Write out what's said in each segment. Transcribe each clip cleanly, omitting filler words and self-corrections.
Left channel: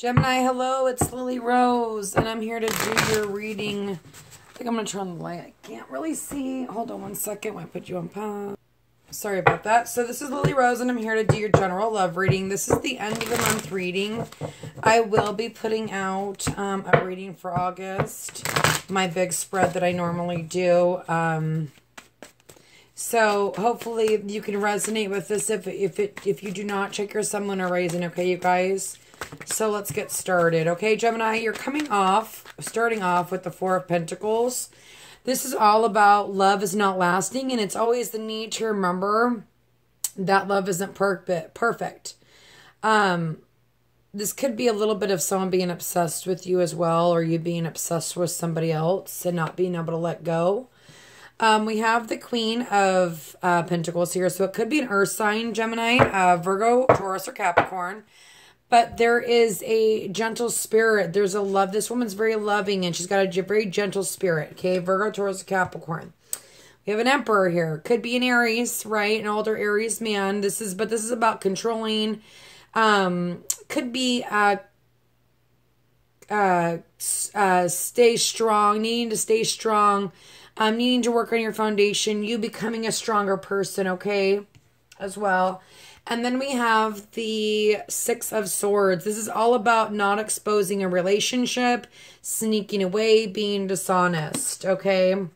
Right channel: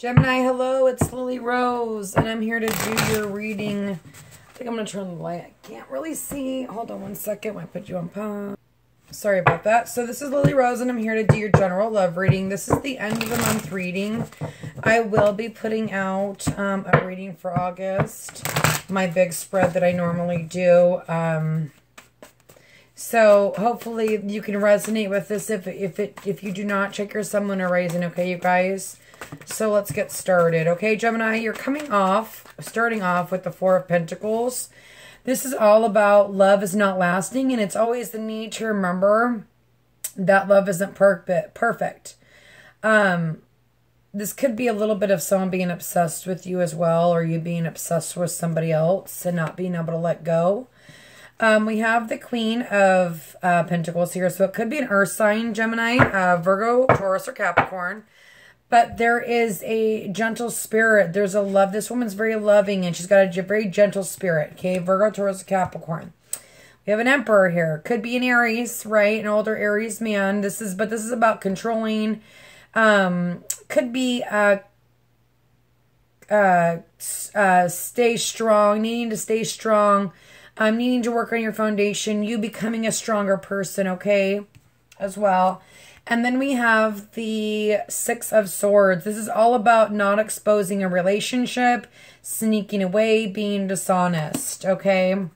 Gemini, hello, it's Lily Rose, and I'm here to do your reading. I think I'm going to turn the light. I can't really see. Hold on one second while I put you on pause. Sorry about that. So this is Lily Rose, and I'm here to do your general love reading. This is the end of the month reading. I will be putting out a reading for August, my big spread that I normally do. So hopefully you can resonate with this. If you do not, check your sun, moon, or rising, okay, you guys? So let's get started. Okay, Gemini, you're starting off with the Four of Pentacles. This is all about love is not lasting, and it's always the need to remember that love isn't perfect. This could be a little bit of someone being obsessed with you as well, or you being obsessed with somebody else and not being able to let go. We have the Queen of Pentacles here, so it could be an earth sign, Gemini, Virgo, Taurus, or Capricorn. But there is a gentle spirit. There's a love. This woman's very loving, and she's got a very gentle spirit. Okay, Virgo, Taurus, Capricorn. We have an Emperor here. Could be an Aries, right? An older Aries man. This is about controlling. Could be stay strong. Needing to stay strong. Needing to work on your foundation. You becoming a stronger person. Okay, as well. And then we have the Six of Swords. This is all about not exposing a relationship, sneaking away, being dishonest, okay?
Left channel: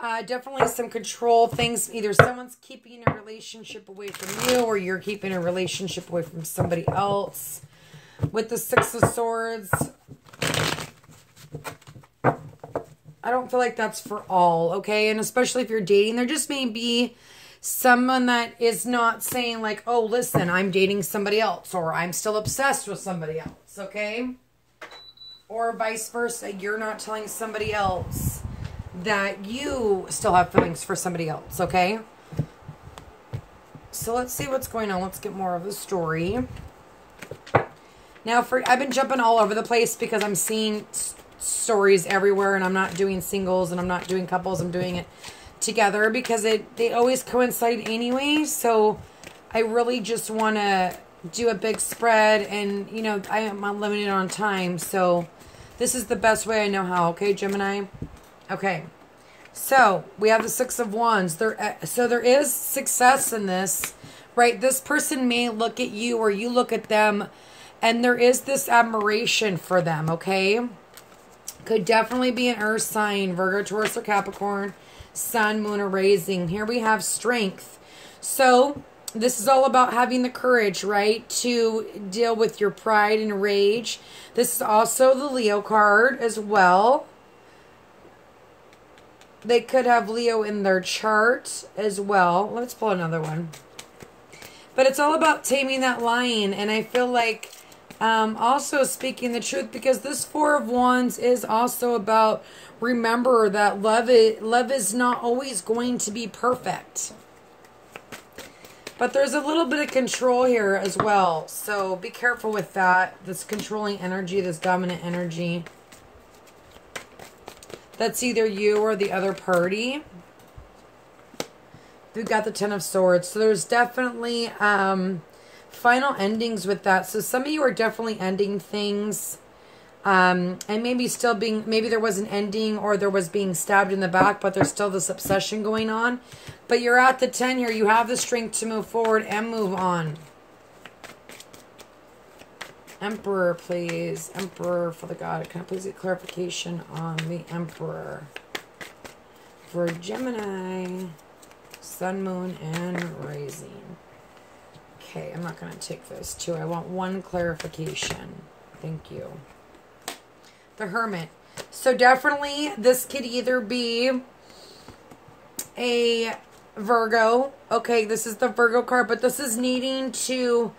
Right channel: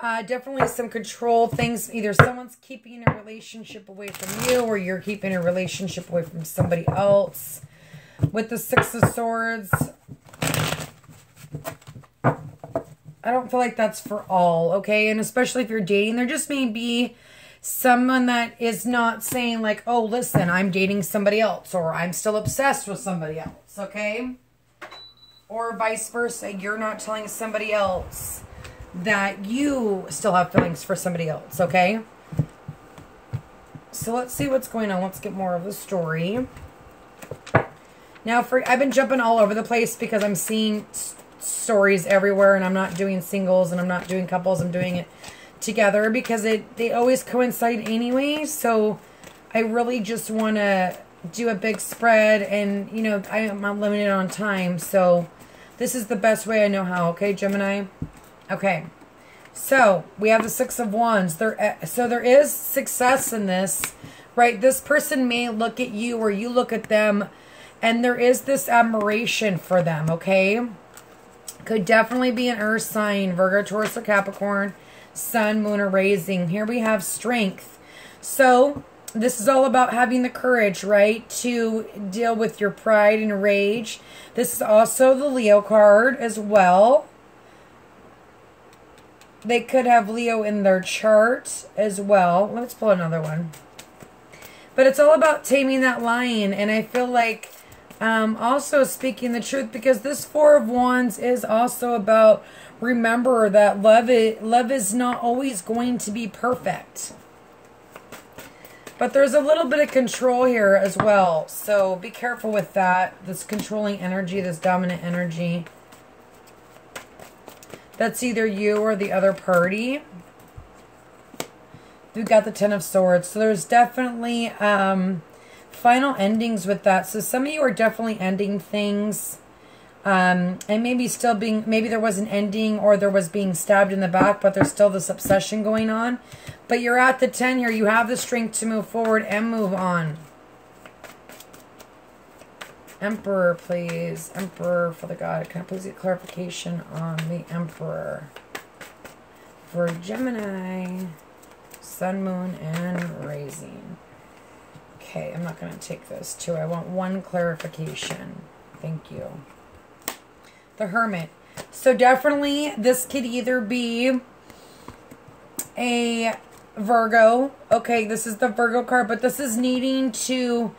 Definitely some control things. Either someone's keeping a relationship away from you, or you're keeping a relationship away from somebody else. With the Six of Swords, I don't feel like that's for all, okay? And especially if you're dating, there just may be someone that is not saying like, oh, listen, I'm dating somebody else, or I'm still obsessed with somebody else, okay? Or vice versa, you're not telling somebody else that you still have feelings for somebody else, okay? So let's see what's going on. Let's get more of the story. Now, I've been jumping all over the place because I'm seeing stories everywhere, and I'm not doing singles, and I'm not doing couples. I'm doing it together because they always coincide anyway. So I really just want to do a big spread, and you know, I am limited on time, so this is the best way I know how. Okay, Gemini. Okay, so we have the Six of Wands. So there is success in this, right? This person may look at you, or you look at them, and there is this admiration for them. Okay, could definitely be an earth sign, Virgo, Taurus, or Capricorn. Sun, moon, or rising. Here we have strength. So this is all about having the courage, right, to deal with your pride and rage. This is also the Leo card as well. They could have Leo in their chart as well. Let's pull another one. But it's all about taming that lion, and I feel like also speaking the truth, because this Four of Wands is also about remember that love is not always going to be perfect. But there's a little bit of control here as well. So be careful with that. This controlling energy, this dominant energy. That's either you or the other party. We've got the Ten of Swords. So there's definitely final endings with that. So some of you are definitely ending things. And maybe there was an ending, or there was being stabbed in the back, but there's still this obsession going on. But you're at the 10 here. You have the strength to move forward and move on. Emperor, please. Emperor, for the God. Can I please get clarification on the Emperor? For Gemini, Sun, Moon, and Rising. Okay, I'm not going to take those two. I want one clarification. Thank you. The Hermit. So definitely this could either be a Virgo. Okay, this is the Virgo card, but this is needing to,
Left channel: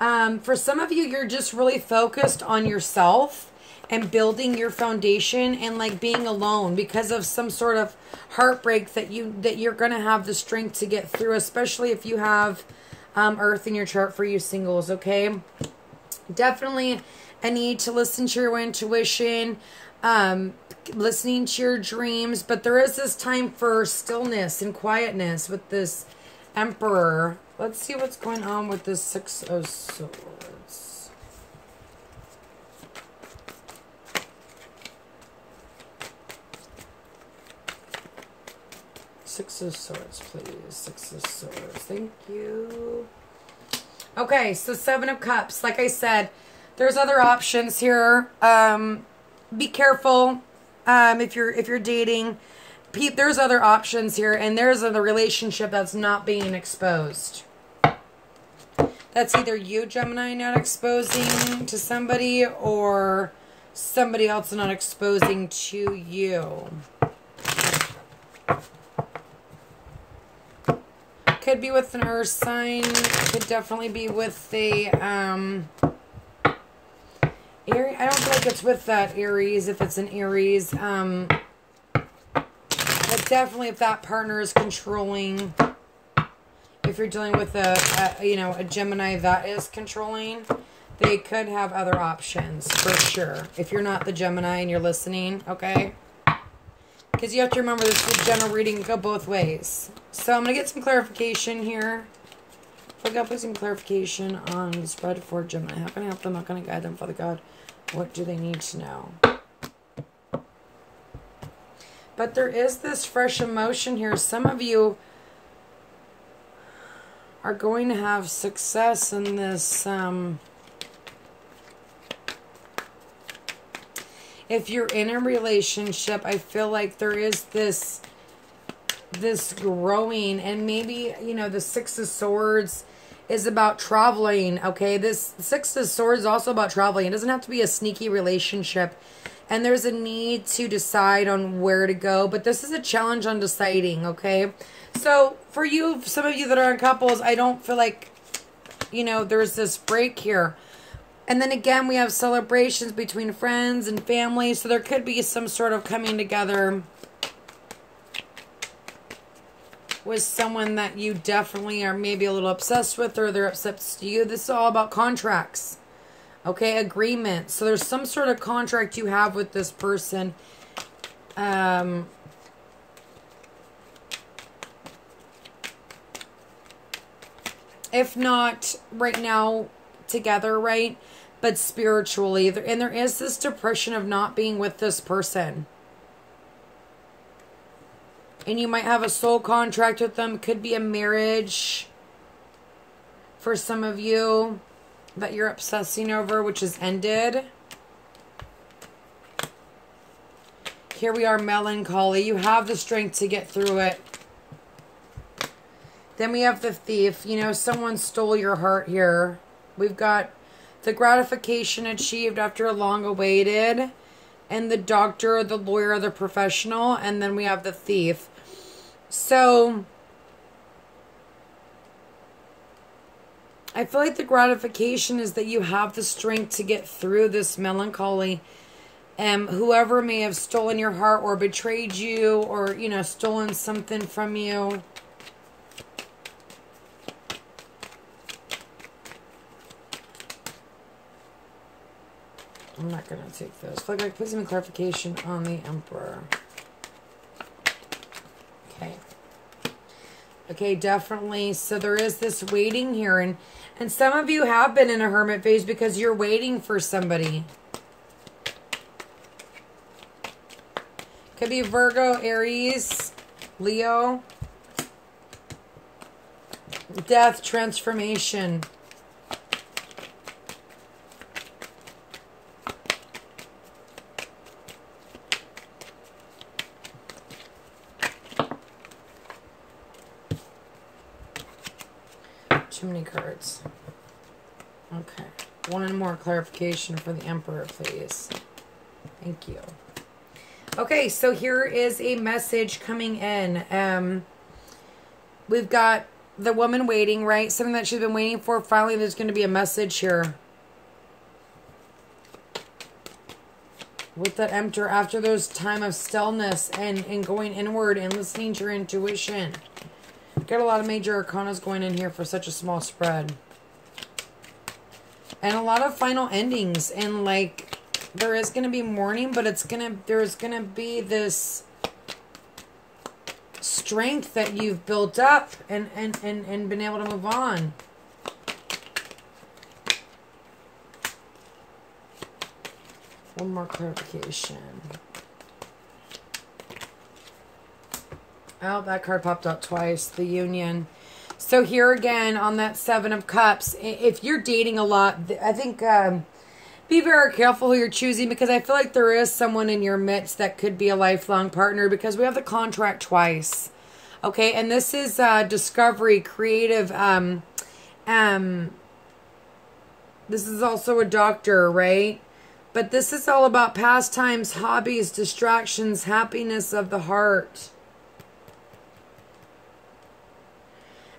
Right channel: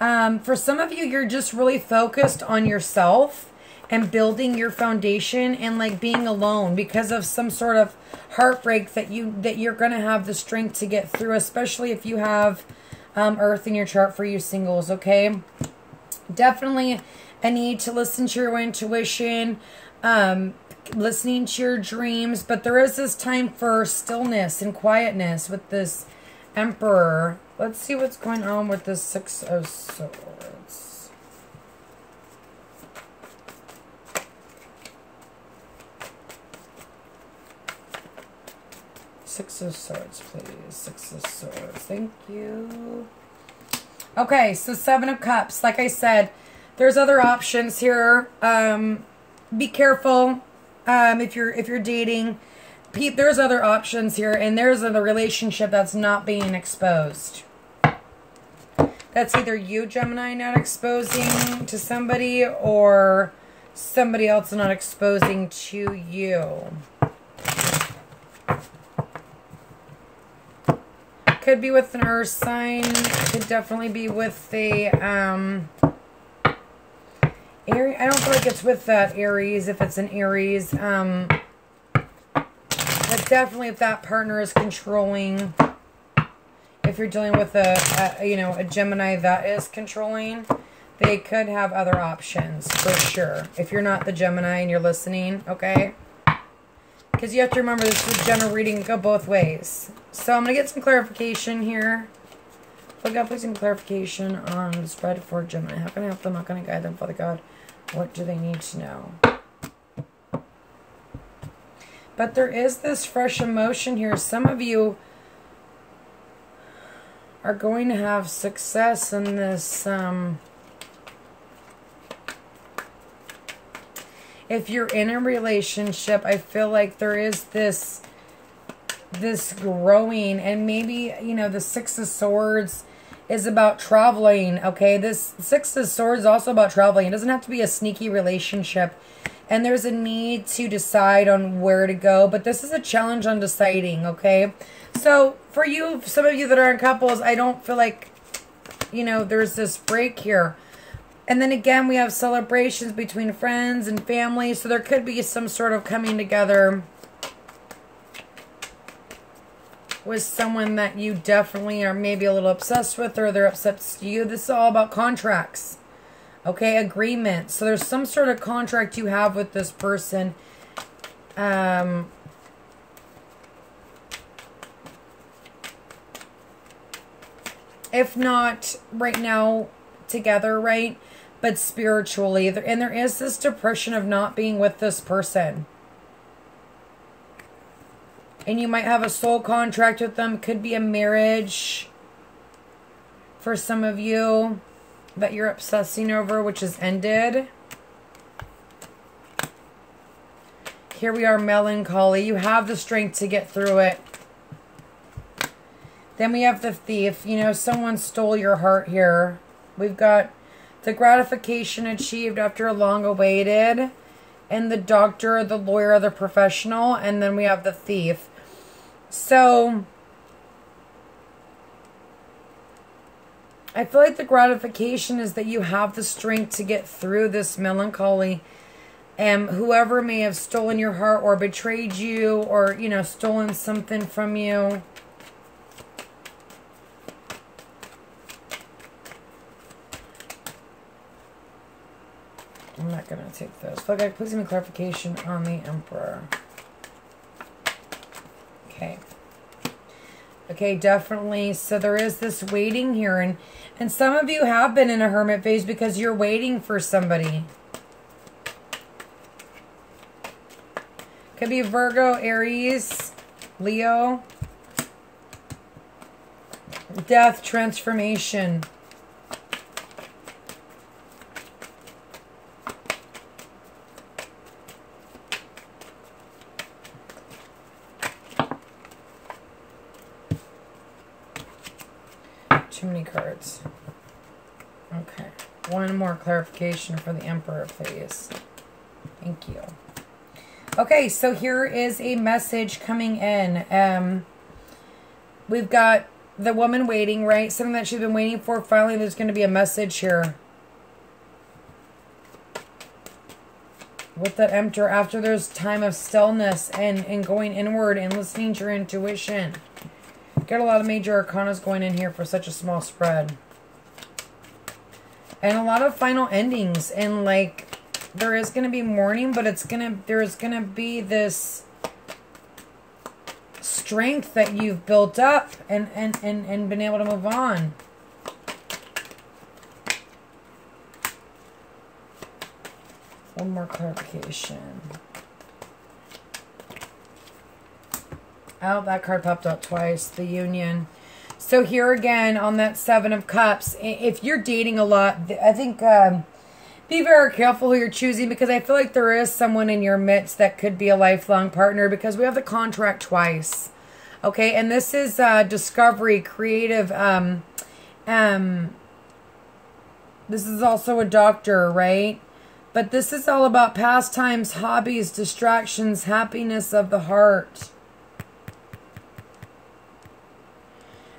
for some of you, you're just really focused on yourself and building your foundation, and like being alone because of some sort of heartbreak that you're going to have the strength to get through, especially if you have Earth in your chart for you singles, okay? Definitely a need to listen to your intuition, listening to your dreams, but there is this time for stillness and quietness with this Emperor. Let's see what's going on with the Six of Swords. Six of Swords, please. Six of Swords. Thank you. Okay, so Seven of Cups. Like I said, there's other options here. Be careful if you're dating. There's other options here, and there's a relationship that's not being exposed. That's either you, Gemini, not exposing to somebody, or somebody else not exposing to you. Could be with an earth sign. Could definitely be with a Aries. I don't feel like it's with that Aries. If it's an Aries, but definitely if that partner is controlling. If you're dealing with a Gemini that is controlling, they could have other options for sure. If you're not the Gemini and you're listening, okay? Because you have to remember this is a general reading, go both ways. So I'm going to get some clarification here. Father God, please some clarification on the spread for Gemini. How can I help them? How can I guide them, Father God? What do they need to know? But there is this fresh emotion here. Some of you are going to have success in this. If you're in a relationship, I feel like there is this growing, and maybe, you know, the Six of Swords is about traveling, okay? This Six of Swords is also about traveling. It doesn't have to be a sneaky relationship, and there's a need to decide on where to go, but this is a challenge on deciding, okay? So for you, some of you that are in couples, I don't feel like, you know, there's this break here. And then again, we have celebrations between friends and family. So there could be some sort of coming together with someone that you definitely are maybe a little obsessed with, or they're obsessed with you. This is all about contracts. Okay, agreements. So there's some sort of contract you have with this person. If not right now together, right? But spiritually. And there is this depression of not being with this person. And you might have a soul contract with them. Could be a marriage for some of you that you're obsessing over, which has ended. Here we are, melancholy. You have the strength to get through it. Then we have the Thief. You know, someone stole your heart here. We've got the gratification achieved after long awaited. And the doctor, the lawyer, the professional. And then we have the Thief. So I feel like the gratification is that you have the strength to get through this melancholy. And whoever may have stolen your heart or betrayed you, or, you know, stolen something from you. I'm not going to take this. Please give me clarification on the Emperor. Okay. Okay, definitely. So there is this waiting here. And some of you have been in a hermit phase because you're waiting for somebody. Could be Virgo, Aries, Leo. Death, transformation. Too many cards. Okay. One more clarification for the Emperor, please. Thank you. Okay, so here is a message coming in. We've got the woman waiting, right? Something that she's been waiting for. Finally, there's going to be a message here. With that Emperor, after there's time of stillness and going inward and listening to your intuition. Got a lot of major arcanas going in here for such a small spread. And a lot of final endings. And like, there is going to be mourning, but there's going to be this strength that you've built up and been able to move on. One more clarification. Oh, that card popped out twice. The Union. So here again on that Seven of Cups, if you're dating a lot, I think be very careful who you're choosing, because I feel like there is someone in your midst that could be a lifelong partner, because we have the contract twice. Okay, and this is discovery, creative. This is also a doctor, right? But this is all about pastimes, hobbies, distractions, happiness of the heart.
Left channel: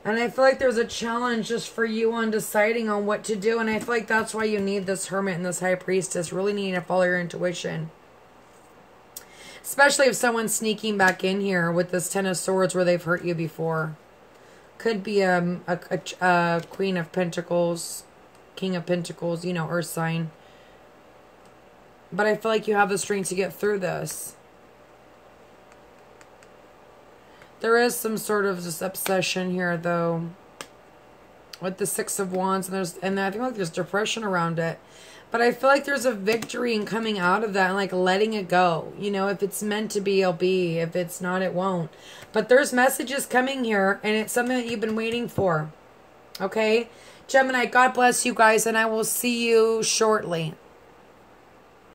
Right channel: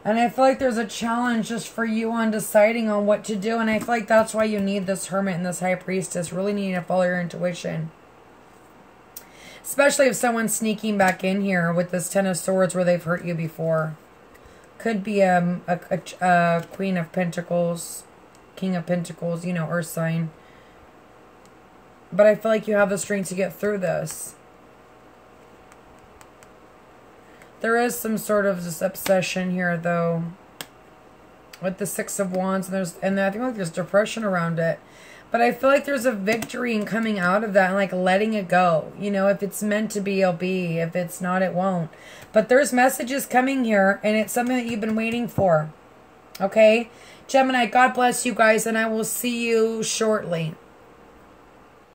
And I feel like there's a challenge just for you on deciding on what to do. And I feel like that's why you need this Hermit and this High Priestess. Really needing to follow your intuition. Especially if someone's sneaking back in here with this Ten of Swords where they've hurt you before. Could be a Queen of Pentacles, King of Pentacles, you know, Earth sign. But I feel like you have the strength to get through this. There is some sort of this obsession here, though, with the Six of Wands, and I think like there's depression around it. But I feel like there's a victory in coming out of that and like letting it go. You know, if it's meant to be, it'll be. If it's not, it won't. But there's messages coming here, and it's something that you've been waiting for. Okay, Gemini, God bless you guys, and I will see you shortly.